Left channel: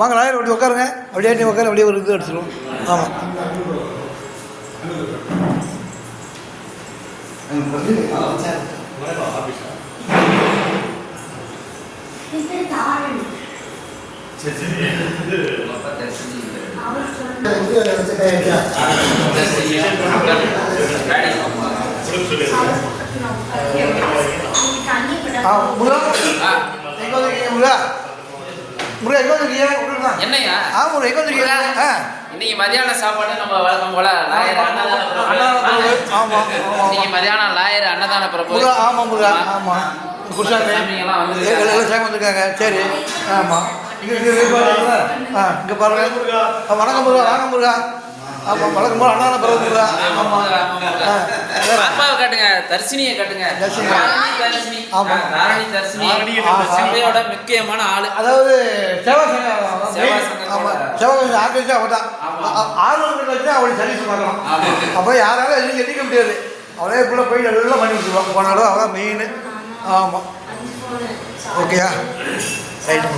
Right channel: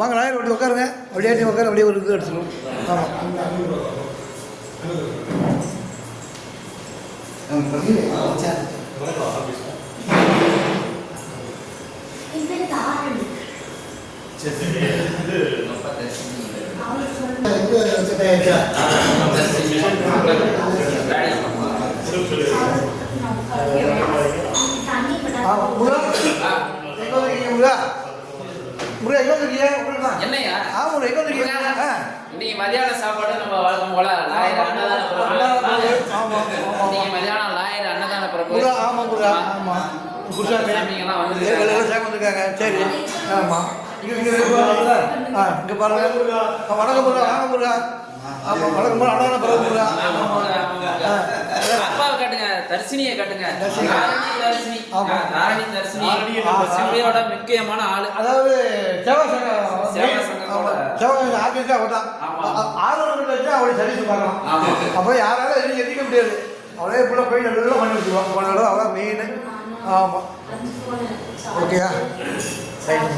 வாங்க லாயர் அப்படி உட்காருங்க, அப்படியே நீ உட்காரு, அப்படியே ஒரு இது அடிச்சிடும். ஆமாம் என்னையா இன்னைக்கு மதியான சாப்பாடு நம்ம வழக்கம் போல இன்னைக்கு மதியானம் லாயர் அன்னதான பிரபு. ஆமாம் முருகா, ஆமாம் குருசாமிங்கெல்லாம் வந்து டைம் வந்திருக்காங்க. சரி, ஆமாம் இங்கே பாருங்க. வணக்கம் முருகா, வாங்க முருகா. ஆமாம் வணக்கம் முருகா, அன்னதான பிரபு முருகா. ஆமாம் ஆத்மாவை காட்டுங்க, தர்சினியை காட்டுங்க. தர்சினி தாரணி தர்சினி சபையோட முக்கியமான ஆளு. அதாவது சேவா சங்கம் ஆர்கனைஸாக அவர் தான். ஆர்வலர்கள் வச்சு அவருடைய சர்வீஸ் பார்க்கலாம். அப்போ யாராலும் எதுவும் எதிர்க்க முடியாது. அவரே இப்படி போய் எல்லாம் பண்ணி வச்சுருவாங்க. போன இடம் அதான் மெயின். ஆமாம் ஓகேயா, ரைட்.